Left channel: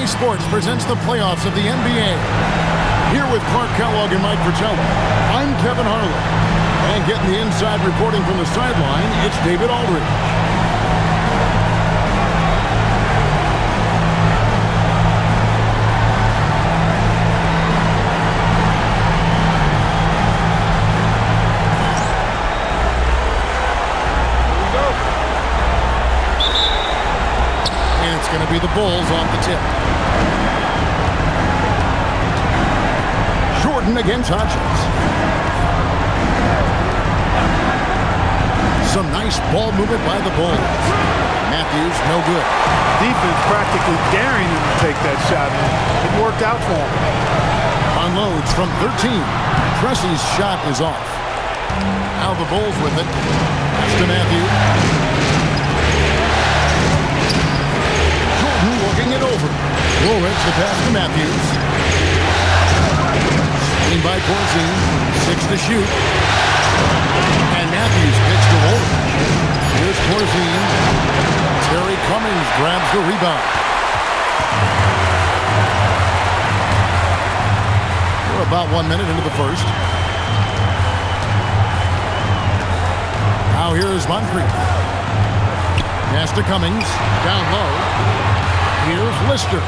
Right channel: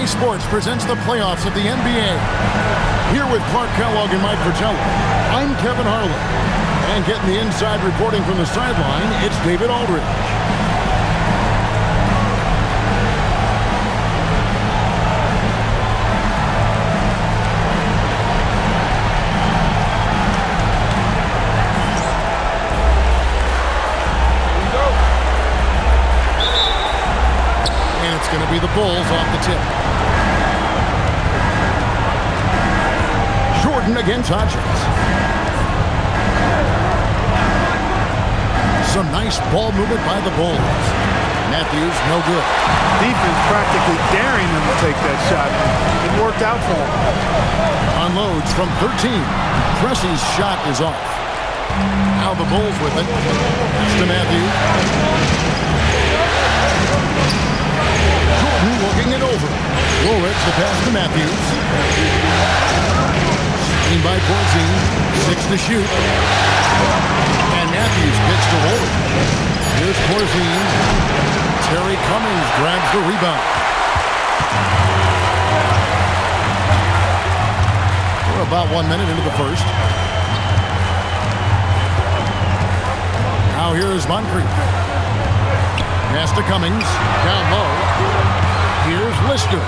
EA Sports presents the playoffs of the NBA. Here with Clark Kellogg and Mike Fratello, I'm Kevin Harlan. And getting the inside reporting from the sideline, it's David Aldridge. And it's going to be the Bulls off the tip. Jordan against Hodgins. Some nice ball movement by the Bulls. Matthews, no good. Defense practically daring him to take that shot. It worked out for him. Unloads from 13. Pressey's shot is off. Now the Bulls with it. Pass to Matthews. Jordan working it over. Woolridge the pass to Matthews. Screen by Corzine. 6 to shoot. And Matthews gets to Woolridge. Here's Corzine. Terry Cummings grabs the rebound. We're about 1 minute into the first. Now here is Moncrief. Pass to Cummings. Down low. Here's Lister.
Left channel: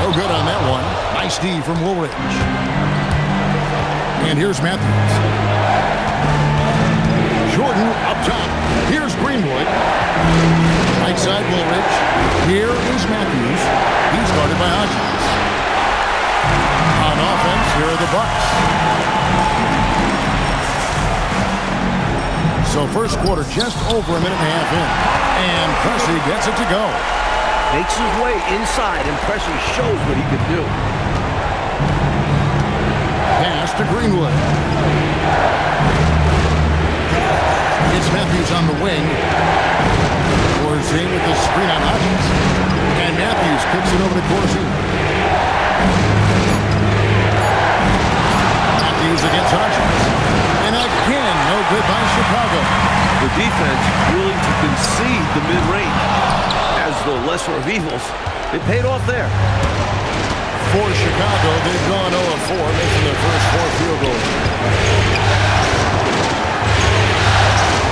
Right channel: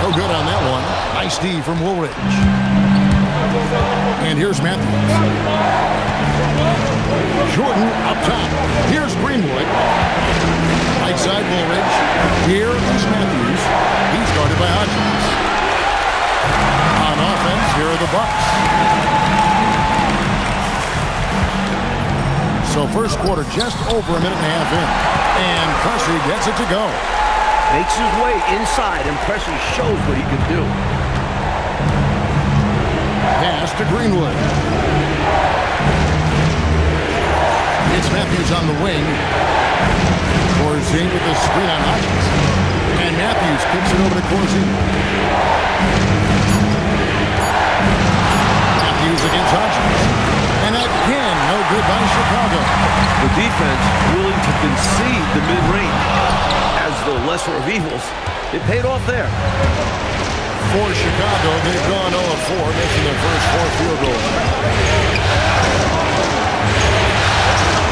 No good on that one. Nice D from Woolridge. And here's Matthews. Jordan up top. Here's Greenwood. Right side Woolridge. Here is Matthews. He's guarded by Hodgins. On offense, here are the Bucks. So first quarter just over a minute and a half in. And Pressey gets it to go. Makes his way inside, and Pressey shows what he can do. Pass to Greenwood. It's Matthews on the wing. Corzine with the screen on Hodgins. And Matthews kicks it over to Corzine. Matthews against Hodgins. And again, no good by Chicago. The defense willing to concede the mid-range as the lesser of evils. It paid off there. For Chicago, they've gone 0-4, making their first 4 field goals.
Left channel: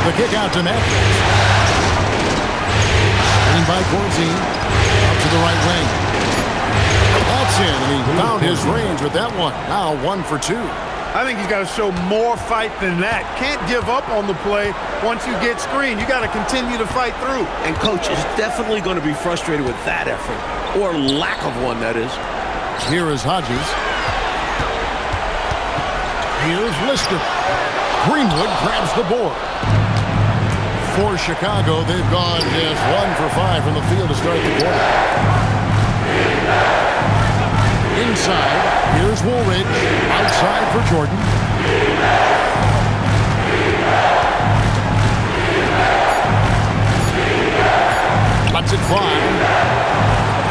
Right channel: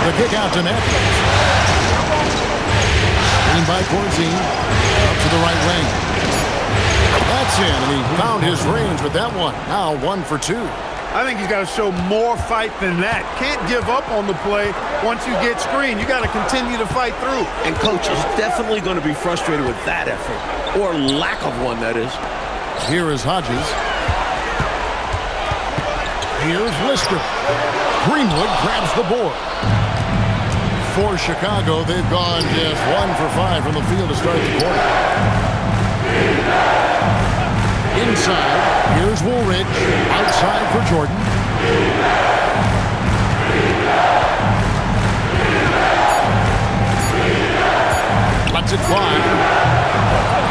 The kick out to Matthews. Screen by Corzine. Up to the right wing. That's in, and he found his range with that one. Now 1 for 2. I think he's got to show more fight than that. Can't give up on the play once you get screened. You got to continue to fight through. And coach is definitely going to be frustrated with that effort, or lack of one, that is. Here is Hodges. Here's Lister. Greenwood grabs the board. For Chicago, they've gone just 1 for 5 from the field to start the quarter. Inside, here's Woolridge. Outside for Jordan. Lets it fly.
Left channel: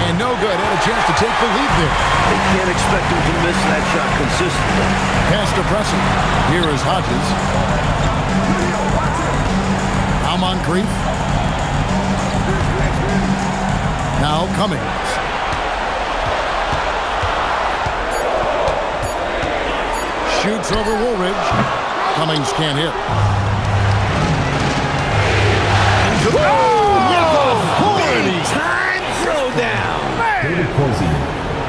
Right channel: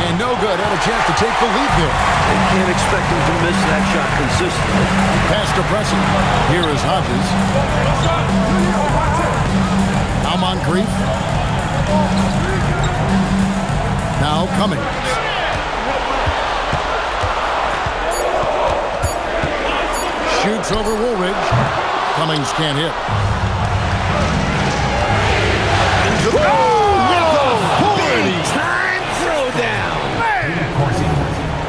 And no good. Had a chance to take the lead there. They can't expect him to miss that shot consistently. Pass to Pressey. Here is Hodges. Now Moncrief. Now Cummings. Shoots over Woolridge. Cummings can't hit. Big time throwdown.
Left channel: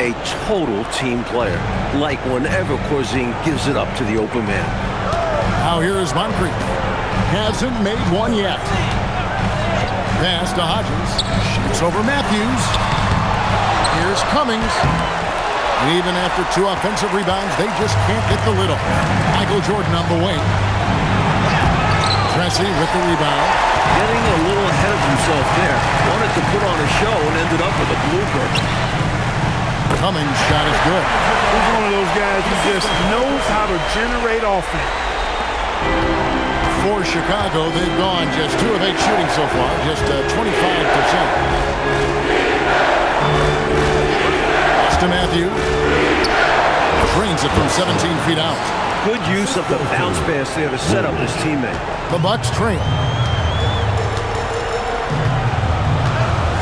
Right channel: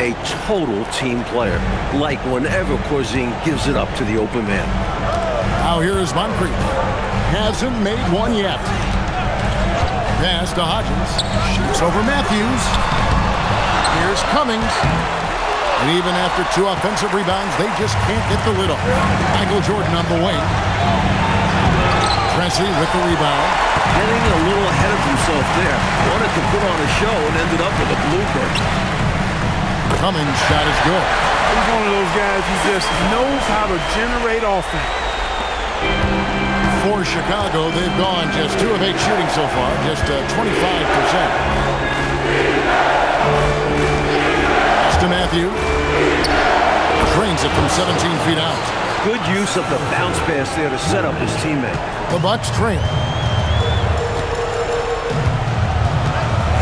A total team player. Like whenever Corzine gives it up to the open man. Now here is Moncrief. Hasn't made one yet. Pass to Hodgins. Shoots over Matthews. Here's Cummings. And even after 2 offensive rebounds, they just can't get the lid off. Michael Jordan on the wing. Pressey with the rebound. Getting a little ahead of himself there. Wanted to put on a show and ended up with a blooper. Cummings' shot is good. He's one of those guys who just knows how to generate offense. For Chicago, they've gone just 2 of 8 shooting so far, just 25%. To Matthew. Trains it from 17 feet out. Good use of the bounce pass there to set up his teammate. The Bucks trail.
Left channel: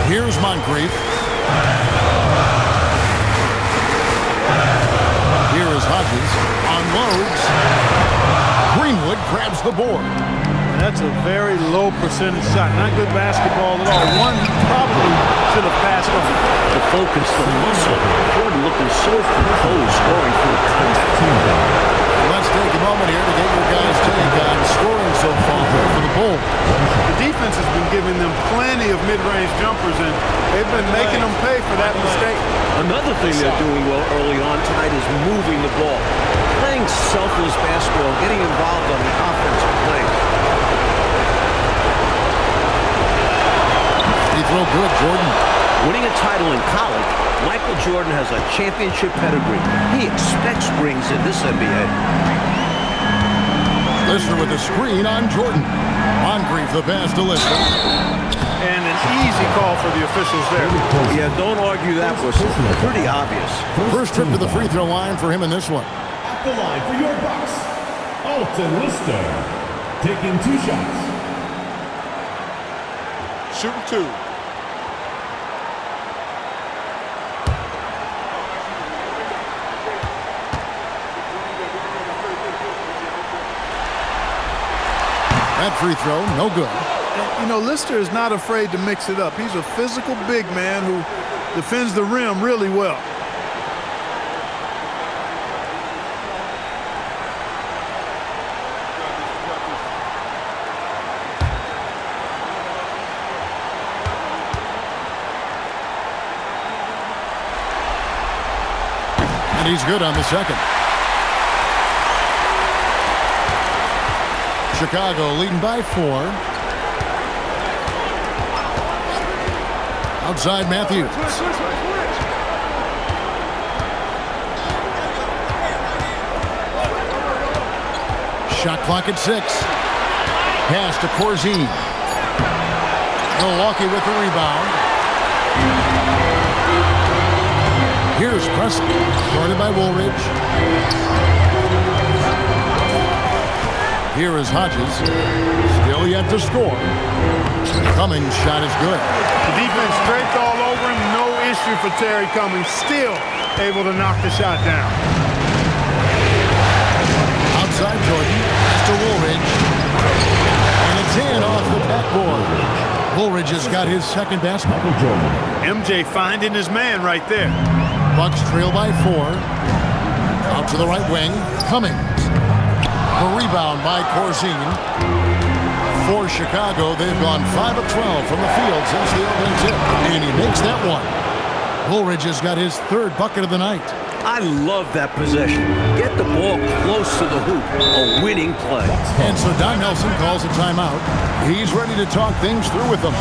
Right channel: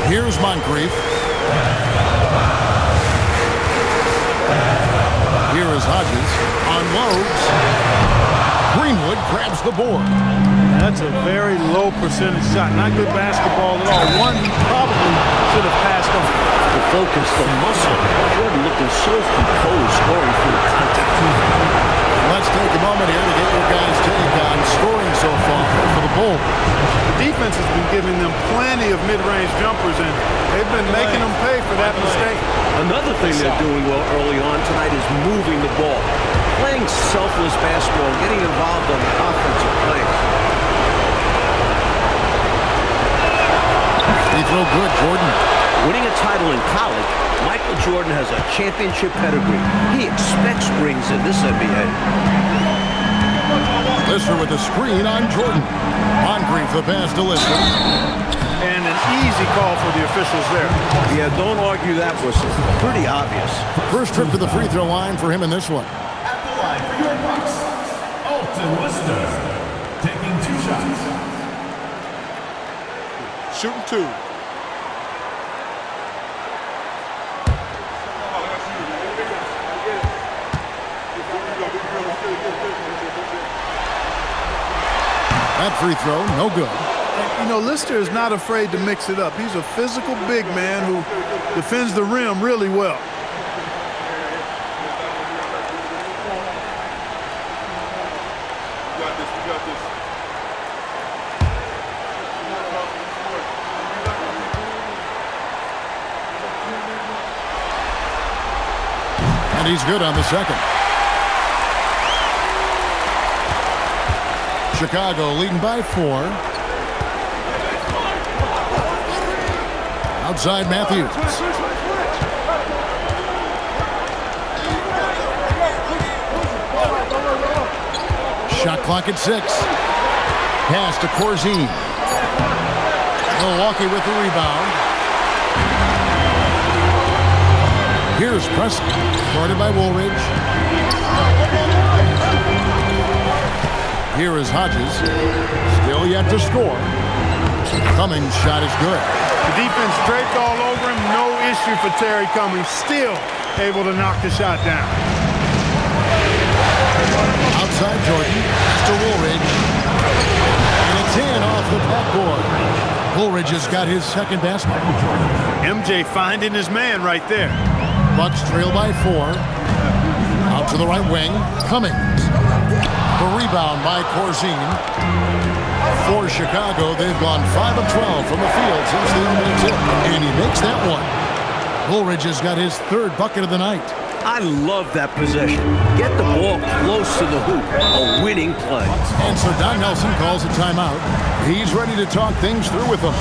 Here's Moncrief. Hodges. Unloads. Greenwood grabs the board. That's a very low percentage shot. Not good basketball at all. One he probably should have passed on. The focus, the muscle. Jordan looking so composed, scoring through contact. Let's take a moment here to get your guys' take on scoring so far for the Bulls. The defense has been giving them plenty of mid-range jumpers, and they've been making them pay for that mistake. Another thing they're doing well early on tonight is moving the ball. Playing selfless basketball, getting involved on the offensive plays. Free throw good, Jordan. Winning a title in college, Michael Jordan has a championship pedigree. He expects rings in this NBA. Lister with a screen on Jordan. Moncrief the pass to Lister. And an easy call for the officials there. Yeah, don't argue that whistle. Pretty obvious. First trip to the free throw line for him in this one. At the line for your Bucks, Alton Lister, taking 2 shots. Shooting 2. That free throw, no good. And, you know, Lister is not afraid to mix it up. He's a physical big man who defends the rim really well. And he's good on the second. Chicago leading by 4. Outside Matthews. Shot clock at 6. Pass to Corzine. Milwaukee with the rebound. Here's Preston, guarded by Woolridge. Here is Hodges, still yet to score. Cummings' shot is good. The defense draped all over him. No issue for Terry Cummings. Still able to knock the shot down. Outside Jordan, pass to Woolridge. And it's in off the backboard. Woolridge has got his second basket. MJ finding his man right there. Bucks trail by 4. Out to the right wing, Cummings. The rebound by Corzine. For Chicago, they've gone 5 of 12 from the field since the opening tip. And he makes that one. Woolridge has got his 3rd bucket of the night. I love that possession. Get the ball close to the hoop. A winning play. And so Don Nelson calls a timeout. He's ready to talk things through with them.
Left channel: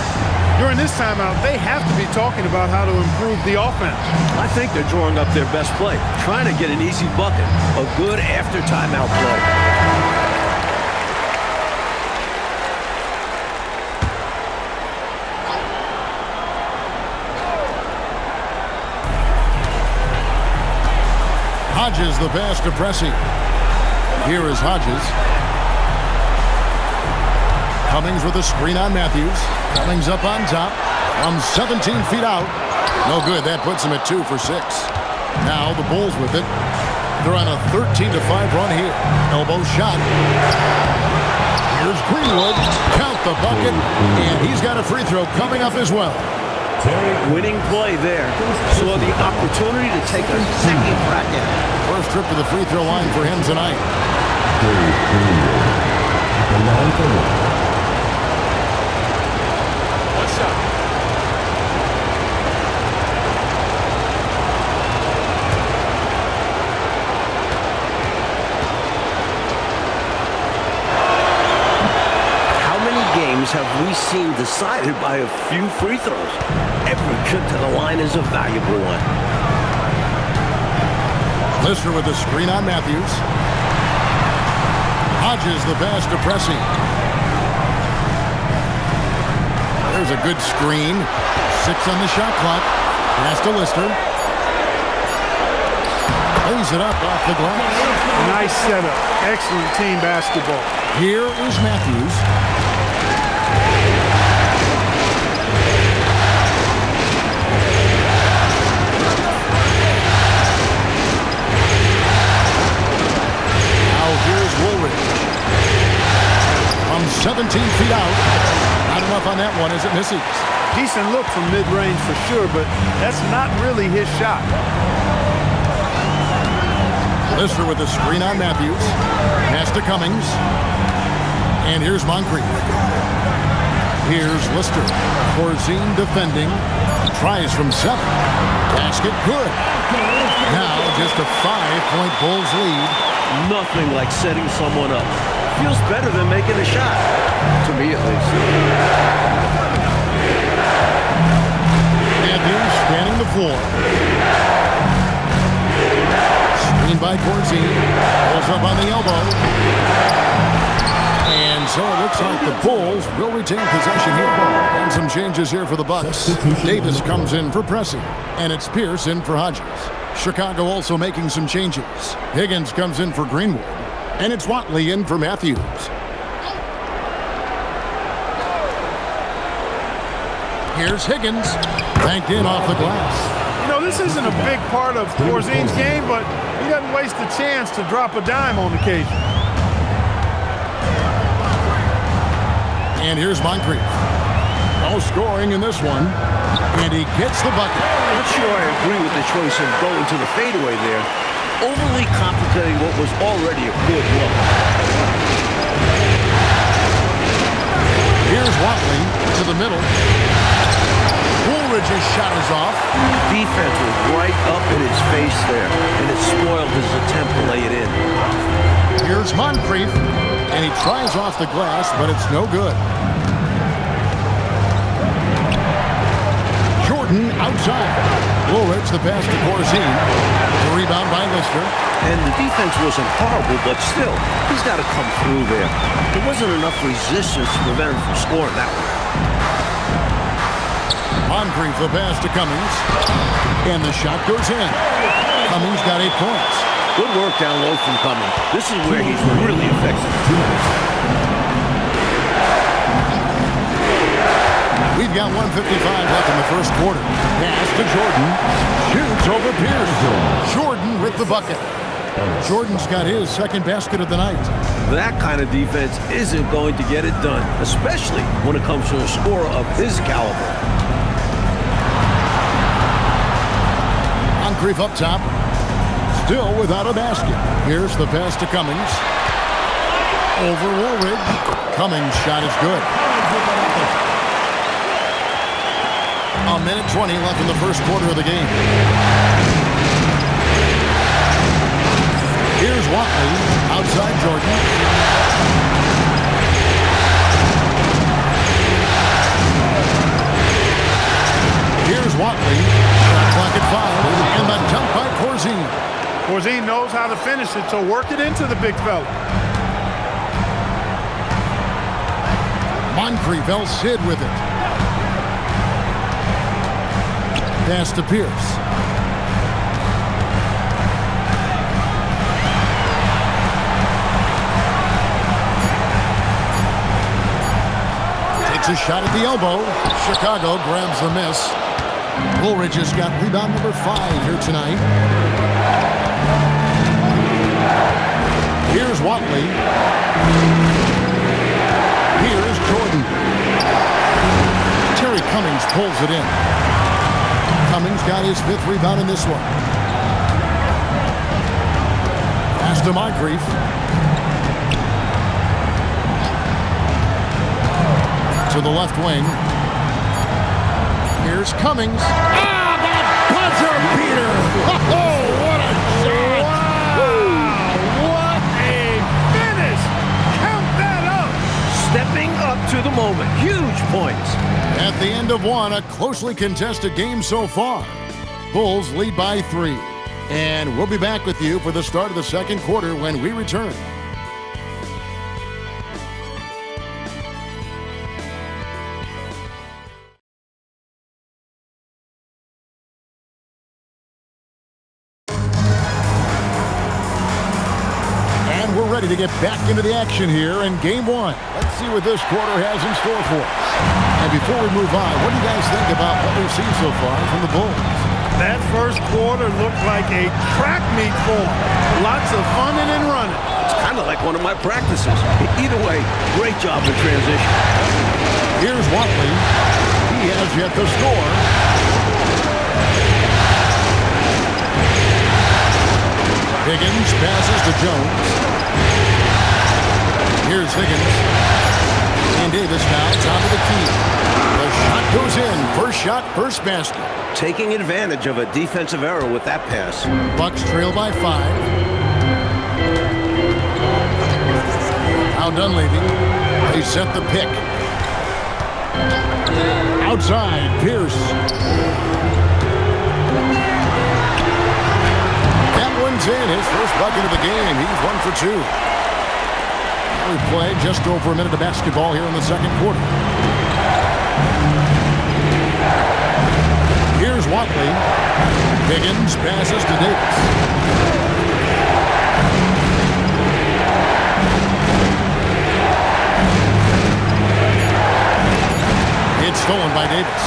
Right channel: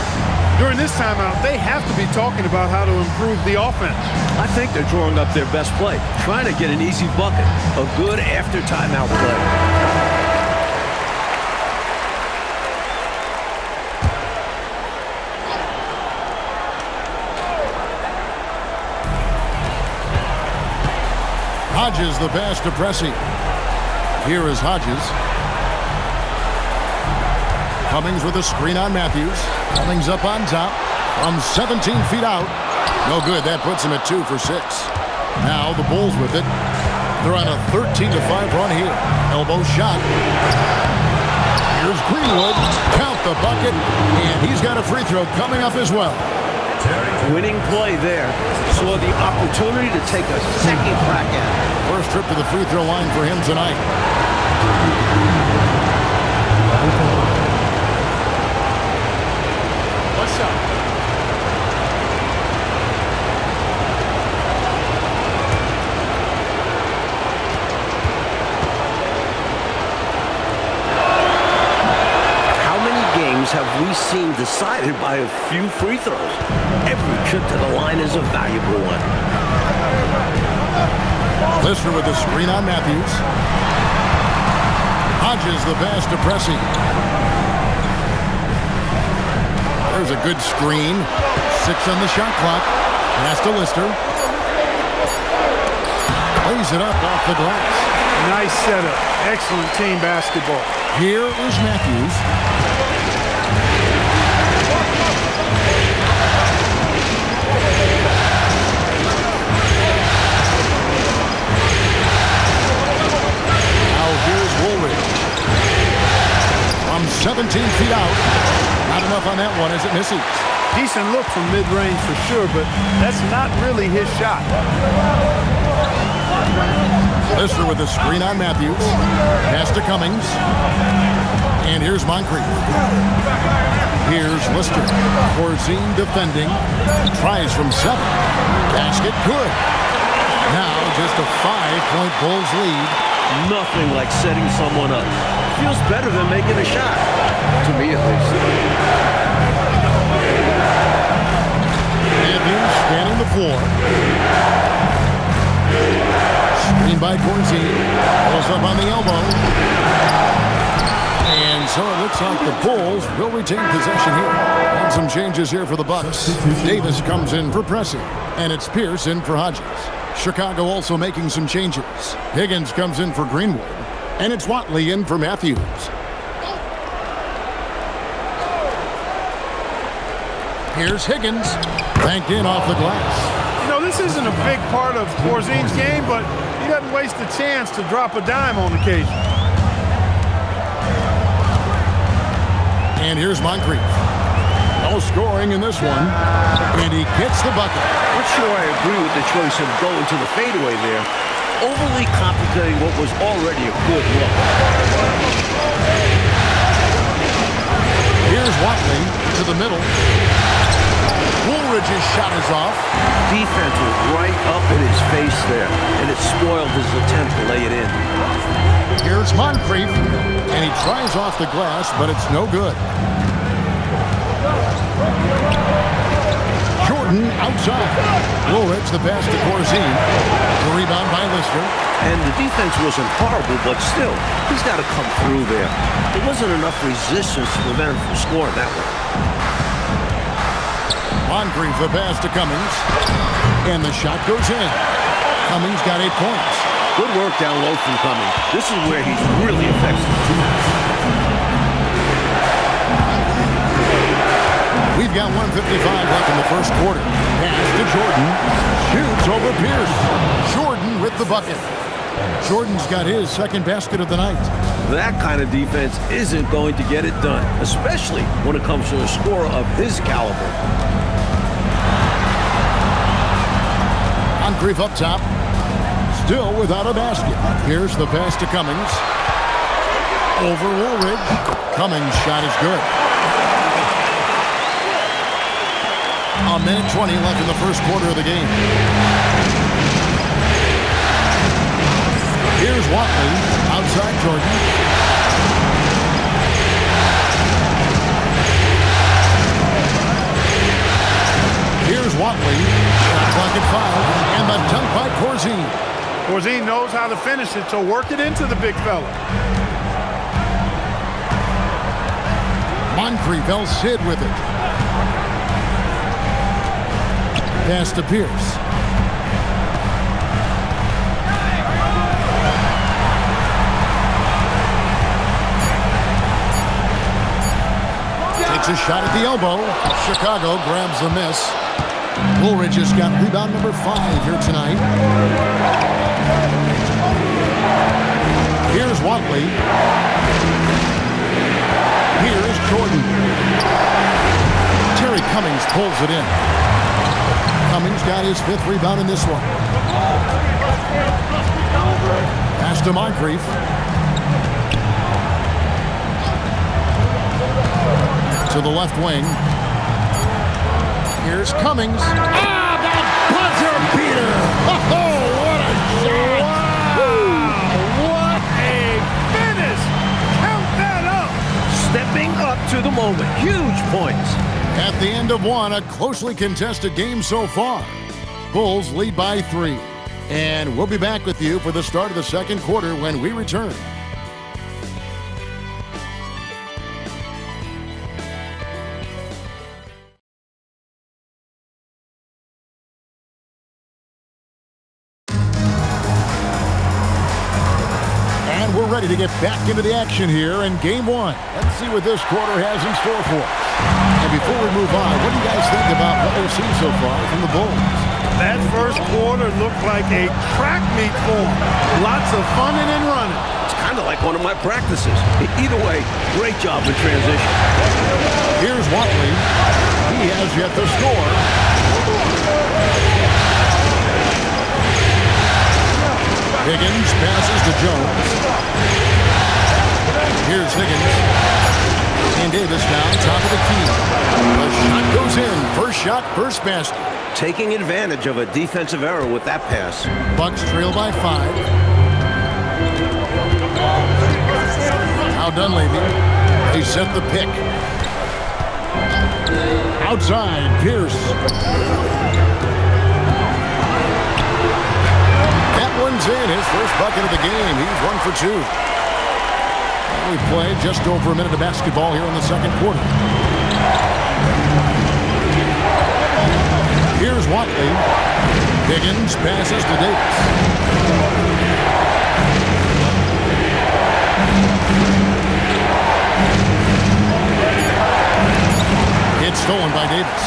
During this timeout, they have to be talking about how to improve the offense. I think they're drawing up their best play, trying to get an easy bucket. A good after timeout play. Hodges the pass to Pressey. Here is Hodges. Cummings with a screen on Matthews. Cummings up on top from 17 feet out. No good. That puts him at 2 for 6. Now the Bulls with it. They're on a 13-5 run here. Elbow shot. Here's Greenwood. Count the bucket. And he's got a free throw coming up as well. Winning play there. Saw the opportunity to take a second crack at it. First trip to the free throw line for him tonight. What's up? How many games have we seen decided by a few free throws? Every trip to the line is a valuable one. Lister with the screen on Matthews. Hodges the pass to Pressey. There's a good screen. 6 on the shot clock. Pass to Lister. Lays it up off the glass. Nice setup. Excellent team basketball. Here is Matthews. 17 feet out. Not enough on that one as it misses. Decent look from mid-range for sure, but that's not really his shot. Lister with a screen on Matthews. Pass to Cummings. And here's Moncrief. Here's Lister. Corzine defending. Tries from 7. Basket good. Now just a 5-point Bulls lead. Nothing like setting someone up. Feels better than making a shot. To me, at least. Matthews scanning the floor. Screened by Corzine. Pulls up on the elbow. And so it looks like the Bulls will retain possession here. And some changes here for the Bucks. Davis comes in for Pressey. And it's Pierce in for Hodges. Chicago also making some changes. Higgins comes in for Greenwood. And it's Watley in for Matthews. Here's Higgins. Banked in off the glass. You know, this isn't a big part of Corzine's game, but he doesn't waste the chance to drop a dime on occasion. And here's Moncrief. No scoring in this one. And he gets the bucket. Not sure I agree with the choice of going to the fadeaway there. Overly complicating what was already a good look. Here's Watley to the middle. Woolridge's shot is off. Defense was right up in his face there, and it spoiled his attempt to lay it in. Here's Moncrief. And he tries off the glass, but it's no good. Jordan outside. Woolridge the pass to Corzine. The rebound by Lister. And the defense wasn't horrible, but still, he's got to come through there. There wasn't enough resistance to prevent him from scoring that one. Moncrief the pass to Cummings. And the shot goes in. Cummings got 8 points. Good work down low from Cummings. This is where he's really effective. We've got 1:55 left in the first quarter. Pass to Jordan. Shoots over Pierce. Jordan with the bucket. Jordan's got his second basket of the night. That kind of defense isn't going to get it done, especially when it comes to a scorer of his caliber. Moncrief up top. Still without a basket. Here's the pass to Cummings. Over Woolridge. Cummings' shot is good. A minute 20 left in the first quarter of the game. Here's Watley. Outside Jordan. Here's Watley. Shot clock at 5. And the dunk by Corzine. Corzine knows how to finish it, so work it into the big fella. Moncrief, El Cid with it. Pass to Pierce. Takes a shot at the elbow. Chicago grabs the miss. Woolridge has got rebound number 5 here tonight. Here's Watley. Here's Jordan. Terry Cummings pulls it in. Cummings got his 5th rebound in this one. Pass to Moncrief. To the left wing. Here's Cummings. Ah, the buzzer beater! Oh, what a shot! Wow! What a finish! Count that up! Stepping up to the moment. Huge points. At the end of one, a closely contested game so far. Bulls lead by 3. And we'll be back with you for the start of the second quarter when we return. And we're ready to get back into the action here in Game 1. Let's see what this quarter has in store for us. And before we move on, what do you guys think about what we've seen so far from the Bulls? That first quarter looked like a track meet for him. Lots of funning and running. It's kind of like one of my practices. Either way, great job in transition. Here's Watley. He has yet to score. Higgins passes to Jones. Here's Higgins. And Davis now top of the key. The shot goes in. First shot, first basket. Taking advantage of a defensive error with that pass. Bucks trail by 5. Now Dunleavy. They set the pick. Outside, Pierce. That one's in. His first bucket of the game. He's 1 for 2. We played just over a minute of basketball here in the second quarter. Here's Watley. Higgins passes to Davis. It's stolen by Davis.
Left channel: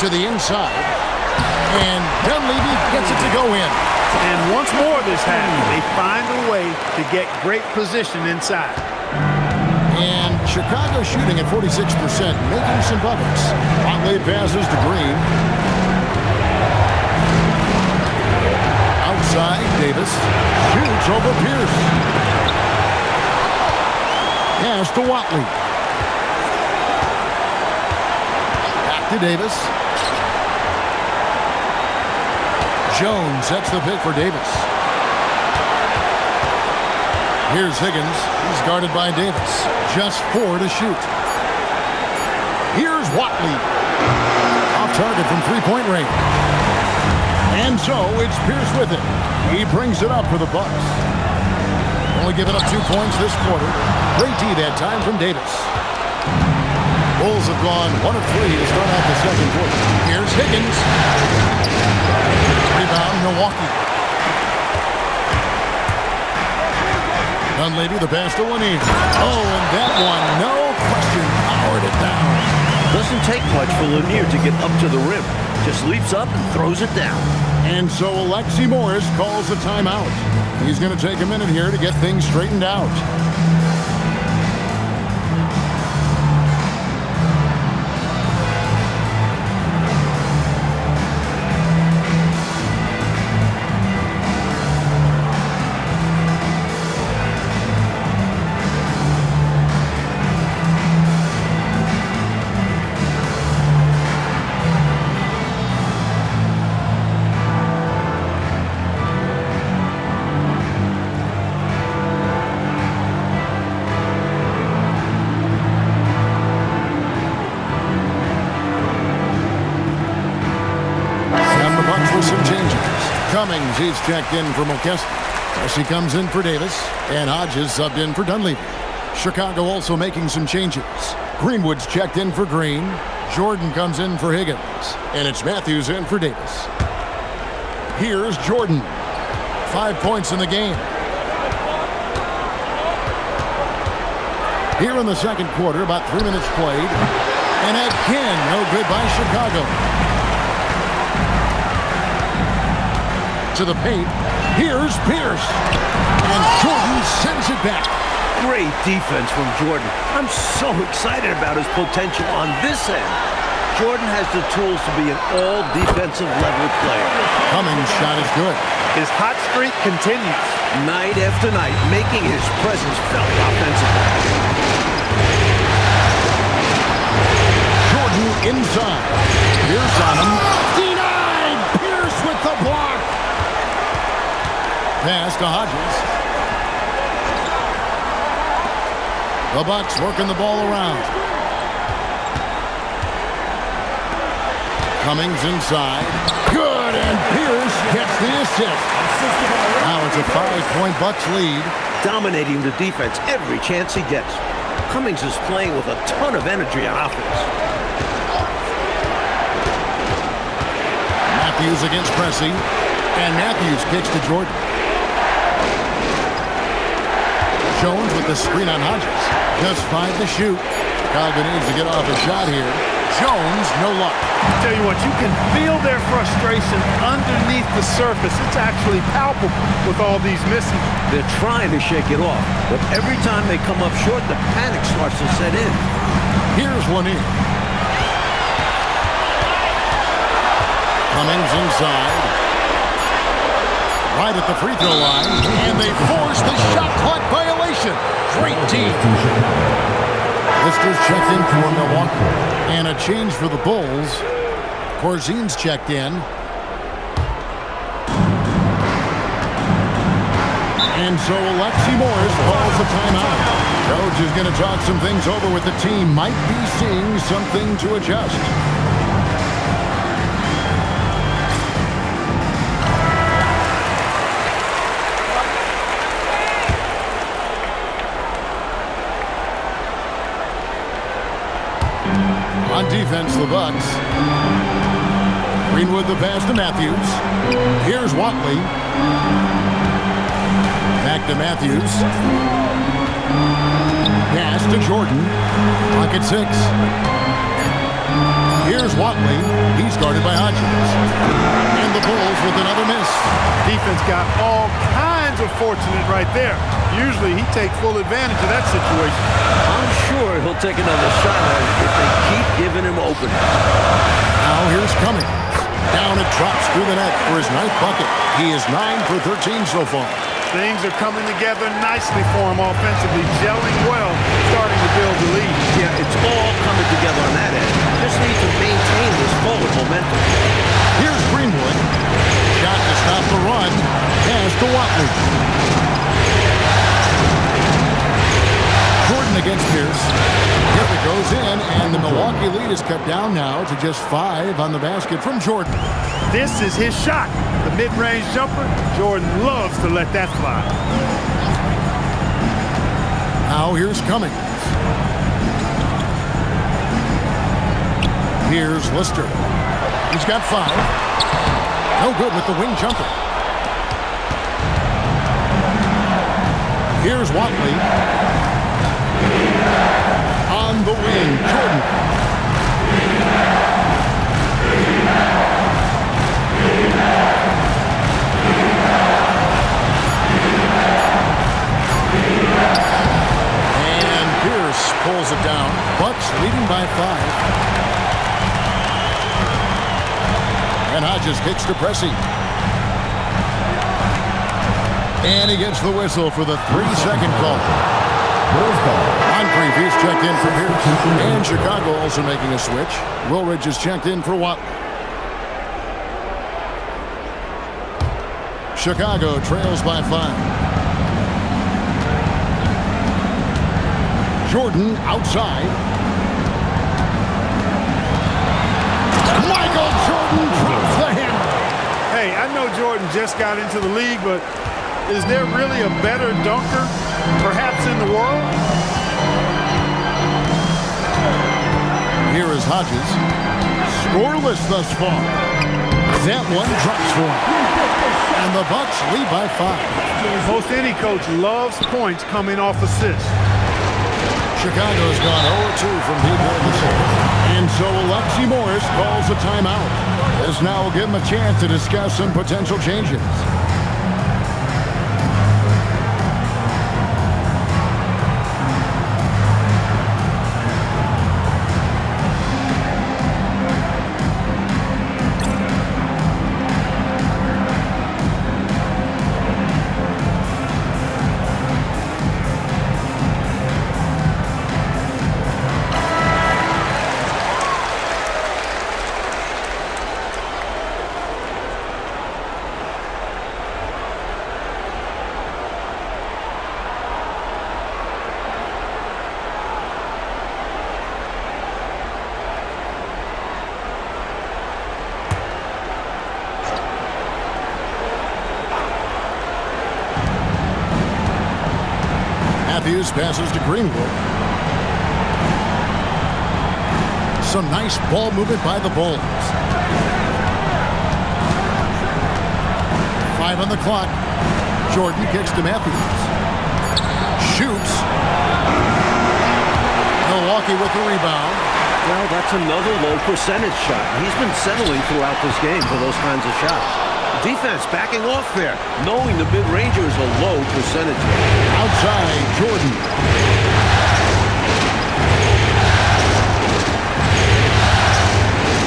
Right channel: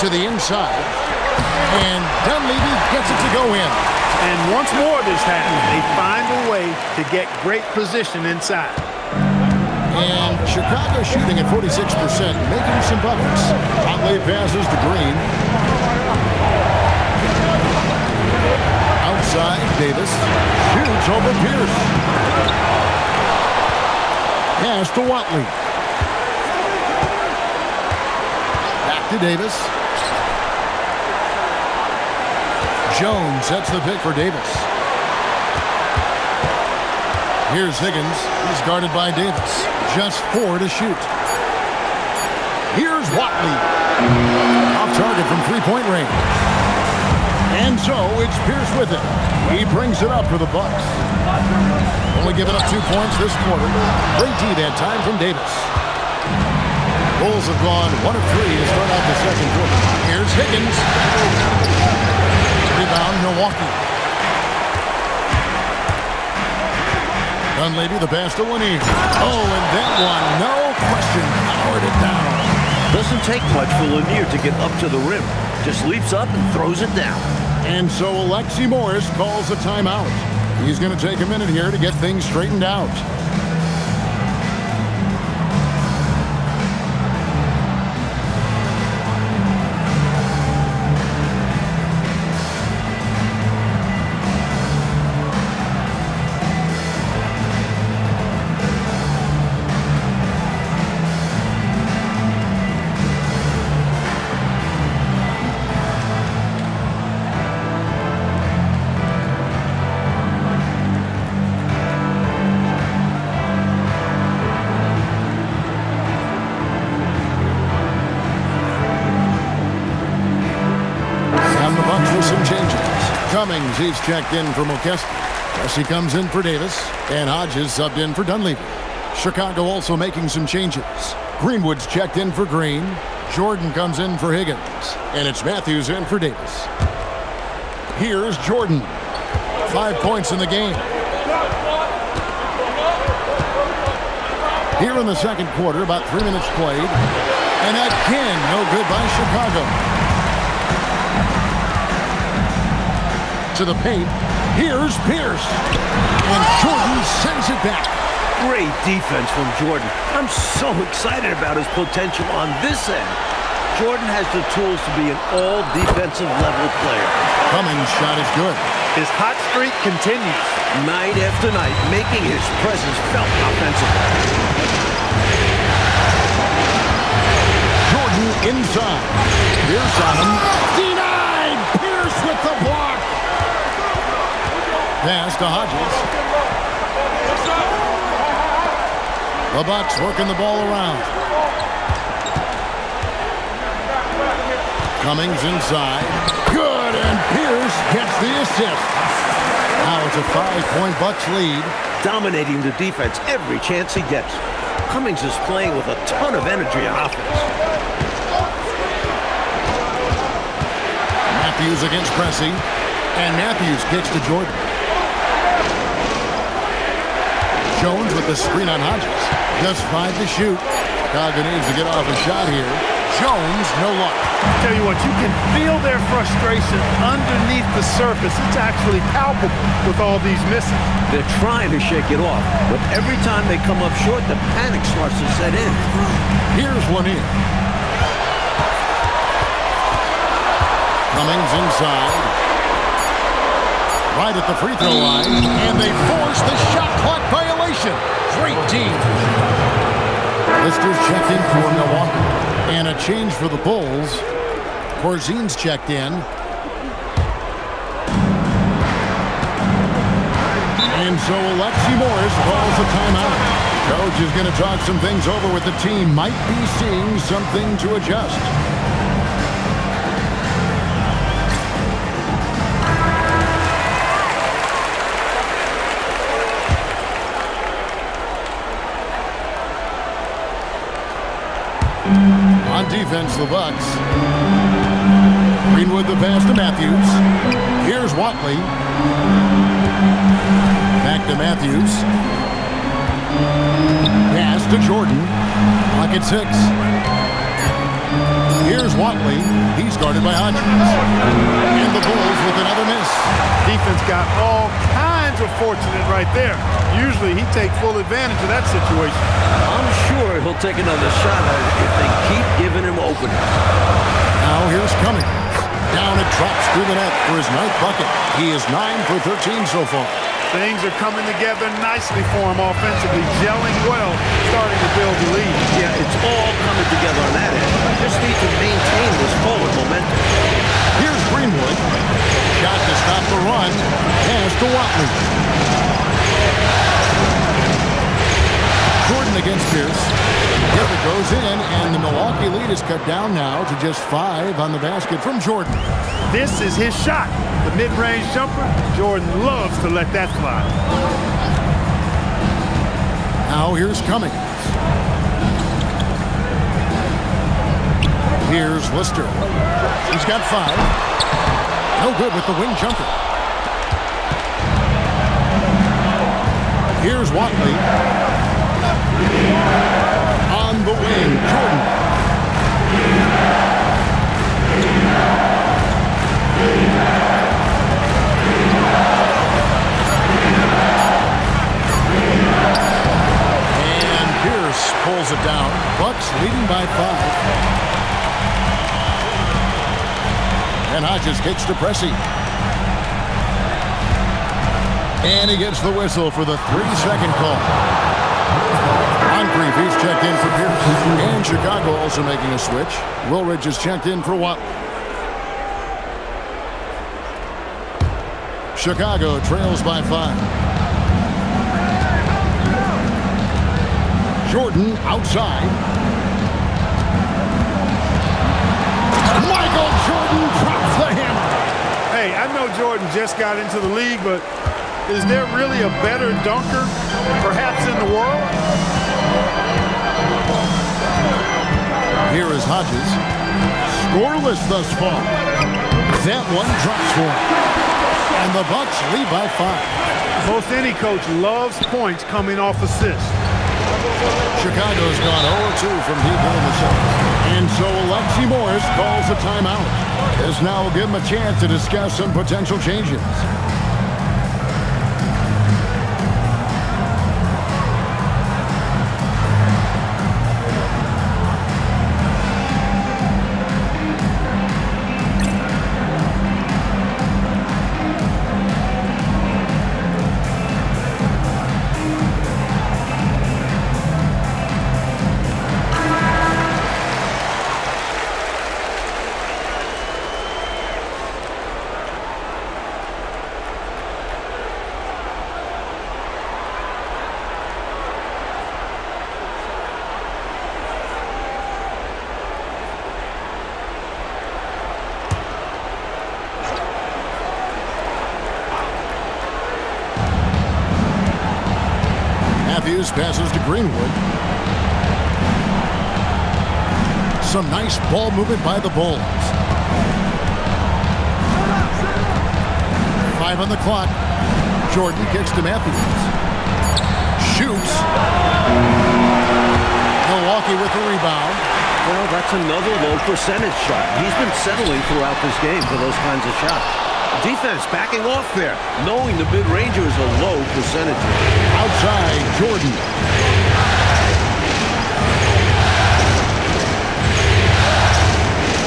To the inside. And Dunleavy gets it to go in. And once more this happens, they find a way to get great position inside. And Chicago shooting at 46%, making some buckets. Watley passes to Green. Outside, Davis shoots over Pierce. Pass to Watley. Back to Davis. Jones sets the pick for Davis. Here's Higgins. He's guarded by Davis. Just 4 to shoot. Here's Watley. Off target from three-point range. And so it's Pierce with it. He brings it up for the Bucks. Only giving up 2 points this quarter. Great D that time from Davis. Bulls have gone 1 of 3 to start out the second quarter. Here's Higgins. Rebound, Milwaukee. Dunleavy, the pass to Lanier. Oh, and that one, no question, powered it down. Doesn't take much for Lanier to get up to the rim. Just leaps up and throws it down. And so Alexi Morris calls a timeout. He's going to take a minute here to get things straightened out. Bucks with some changes. Cummings, he's checked in for Mokeski. Pressey comes in for Davis, and Hodges subbed in for Dunleavy. Chicago also making some changes. Greenwood's checked in for Green. Jordan comes in for Higgins, and it's Matthews in for Davis. Here's Jordan. 5 points in the game. Here in the second quarter, about 3 minutes played. And again, no good by Chicago. To the paint. Here's Pierce. And Jordan sends it back. Great defense from Jordan. I'm so excited about his potential on this end. Jordan has the tools to be an all-defensive level player. Cummings' shot is good. His hot streak continues. Night after night, making his presence felt offensively. Jordan inside. Pierce on him. Denied! Pierce with the block. Pass to Hodges. The Bucks working the ball around. Cummings inside. Good, and Pierce gets the assist. Now it's a 5-point Bucks lead. Dominating the defense every chance he gets. Cummings is playing with a ton of energy on offense. Matthews against Pressey. And Matthews kicks to Jordan. Jones with the screen on Hodges. Just 5 to shoot. Chicago needs to get off a shot here. Jones, no luck. Tell you what, you can feel their frustration underneath the surface. It's actually palpable with all these misses. They're trying to shake it off, but every time they come up short, the panic starts to set in. Here's Lanier. Cummings inside. Right at the free throw line, and they force the shot clock violation. Great team. Lister's checked in for Milwaukee. And a change for the Bulls. Corzine's checked in. And so Alexi Morris calls a timeout. Coach is going to talk some things over with the team. Might be seeing something to adjust. On defense, the Bucks. Greenwood the pass to Matthews. Here's Watley. Back to Matthews. Pass to Jordan. Clock at 6. Here's Watley. He's guarded by Hodges. And the Bulls with another miss. Defense got all kinds of fortunate right there. Usually he takes full advantage of that situation. I'm sure he'll take another shot at it if they keep giving him openings. Now here's Cummings. Down it drops through the net for his 9th bucket. He is 9 for 13 so far. Things are coming together nicely for him offensively, gelling well, starting to build the lead. Yeah, it's all coming together on that end. Just need to maintain this forward momentum. Here's Greenwood. Shot to stop the run. Pass to Watley. Jordan against Pierce. If it goes in, and the Milwaukee lead is cut down now to just 5 on the basket from Jordan. This is his shot. The mid-range jumper. Jordan loves to let that fly. Now here's Cummings. Here's Lister. He's got 5. No good with the wing jumper. Here's Watley. On the wing, Jordan. And Pierce pulls it down. Bucks leading by 5. And Hodges kicks to Pressey. And he gets the whistle for the 3-second call. Moncrief, he's checked in for Pierce. And Chicago also making a switch. Woolridge is checked in for Watley. Chicago trails by 5. Jordan outside. Michael Jordan drops the hammer. Hey, I know Jordan just got into the league, but is there really a better dunker, perhaps, in the world? Here is Hodges. Scoreless thus far. That one drops for him. And the Bucks lead by 5. Most any coach loves points coming off assists. Chicago's gone 0-2 from deep in the second. And so Alexi Morris calls a timeout. This now will give him a chance to discuss some potential changes. Matthews passes to Greenwood. Some nice ball movement by the Bulls. 5 on the clock. Jordan kicks to Matthews. Shoots. Milwaukee with the rebound. Well, that's another low percentage shot. He's been settling throughout this game for those kinds of shots. Defense backing off there, knowing the mid-ranger is a low percentage. Outside, Jordan.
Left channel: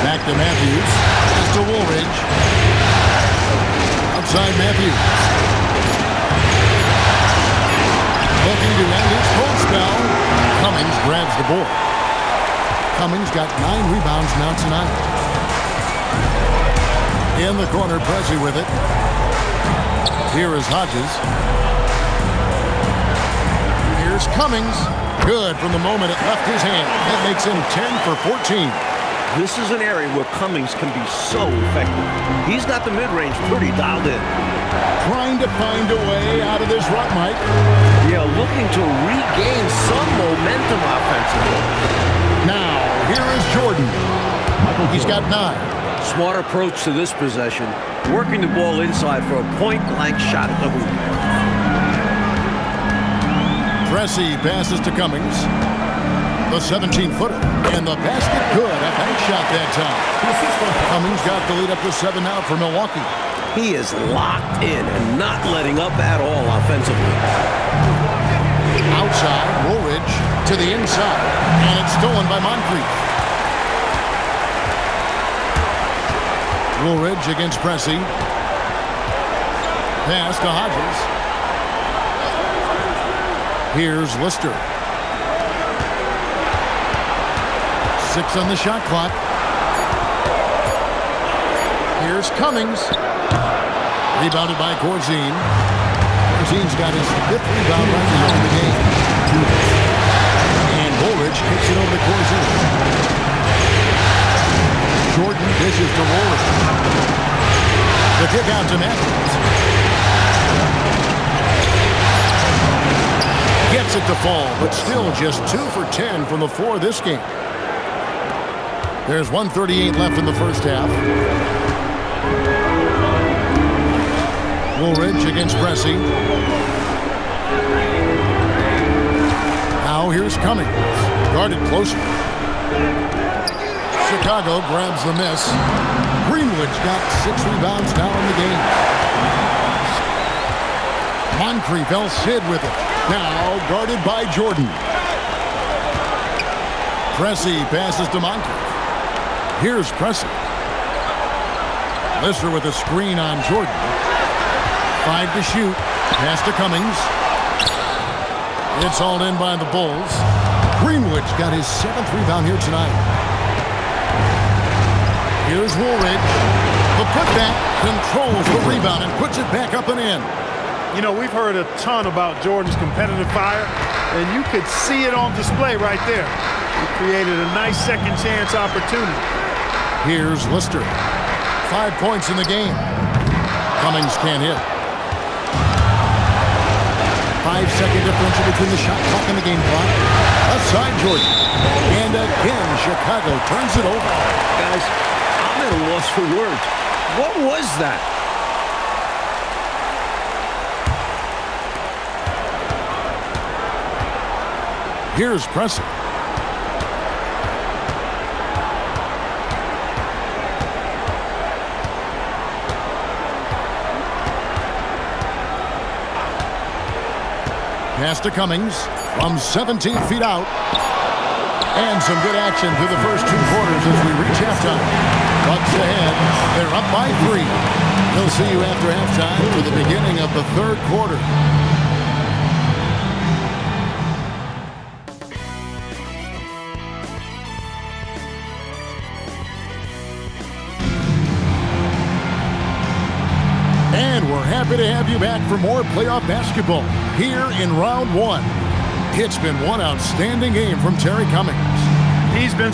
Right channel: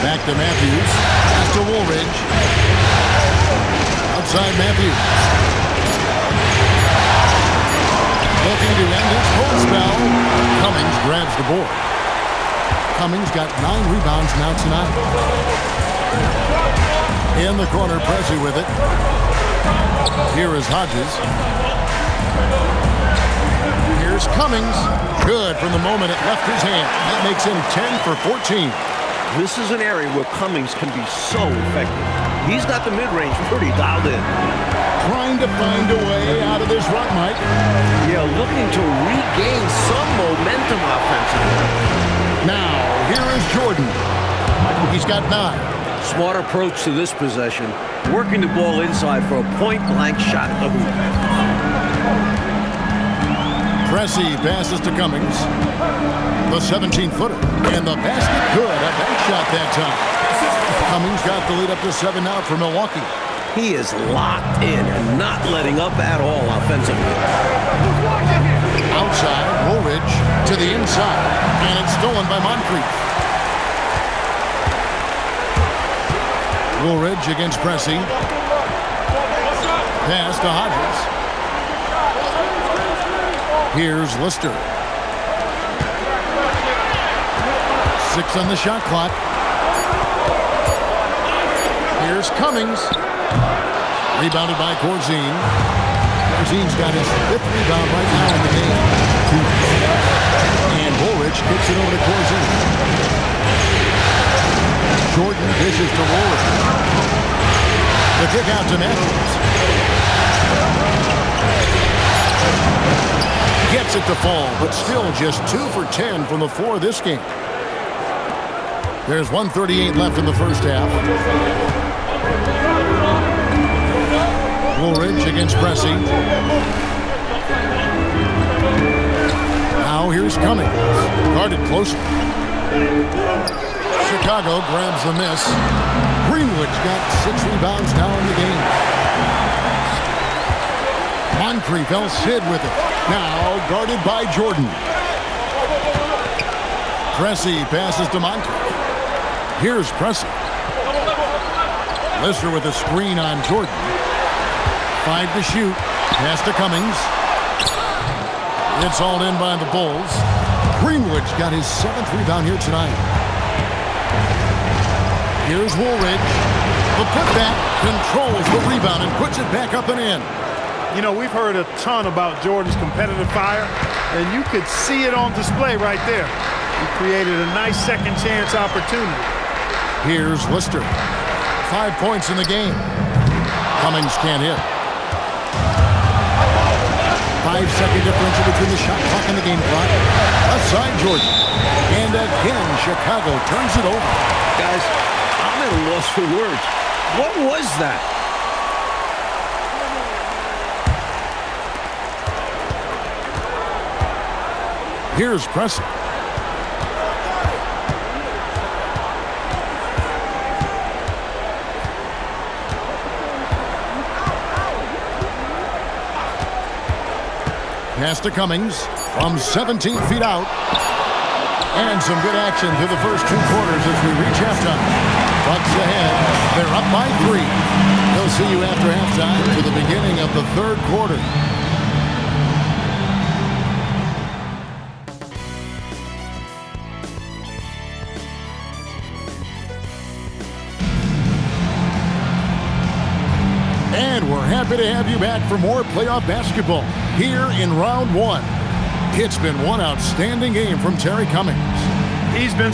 Back to Matthews. Pass to Woolridge. Outside Matthews. Looking to end his cold spell. Cummings grabs the board. Cummings got 9 rebounds now tonight. In the corner, Pressey with it. Here is Hodges. Here's Cummings. Good from the moment it left his hand. That makes him 10 for 14. This is an area where Cummings can be so effective. He's got the mid-range pretty dialed in. Trying to find a way out of this rut, Mike. Yeah, looking to regain some momentum offensively. Now, here is Jordan. He's got 9. Smart approach to this possession, working the ball inside for a point-blank shot at the hoop. Pressey passes to Cummings. The 17-footer. And the basket good. A bank shot that time. Cummings got the lead up to 7 now for Milwaukee. He is locked in and not letting up at all offensively. Outside, Woolridge to the inside. And it's stolen by Moncrief. Woolridge against Pressey. Pass to Hodges. Here's Lister. 6 on the shot clock. Here's Cummings. Rebounded by Corzine. Corzine's got his 5th rebound right now in the game. And Woolridge kicks it over to Corzine. Jordan dishes to Woolridge. The kick out to Matthews. Gets it to fall, but still just 2 for 10 from the floor this game. There's 1:38 left in the first half. Woolridge against Pressey. Now here's Cummings. Guarded closer. Chicago grabs the miss. Greenwood's got 6 rebounds now in the game. Moncrief, El Cid with it. Now guarded by Jordan. Pressey passes to Moncrief. Here's Pressey. Lister with a screen on Jordan. 5 to shoot. Pass to Cummings. It's hauled in by the Bulls. Greenwood's got his 7th rebound here tonight. Here's Woolridge. The putback controls the rebound and puts it back up and in. You know, we've heard a ton about Jordan's competitive fire, and you could see it on display right there. He created a nice second chance opportunity. Here's Lister. 5 points in the game. Cummings can't hit. 5-second differential between the shot clock and the game clock. Left side, Jordan. And again, Chicago turns it over. Guys, I'm at a loss for words. What was that? Here's Pressey. Pass to Cummings from 17 feet out. And some good action through the first 2 quarters as we reach halftime. Bucks ahead. They're up by 3. We'll see you after halftime for the beginning of the 3rd quarter. And we're happy to have you back for more playoff basketball here in round 1. It's been one outstanding game from Terry Cummings. He's been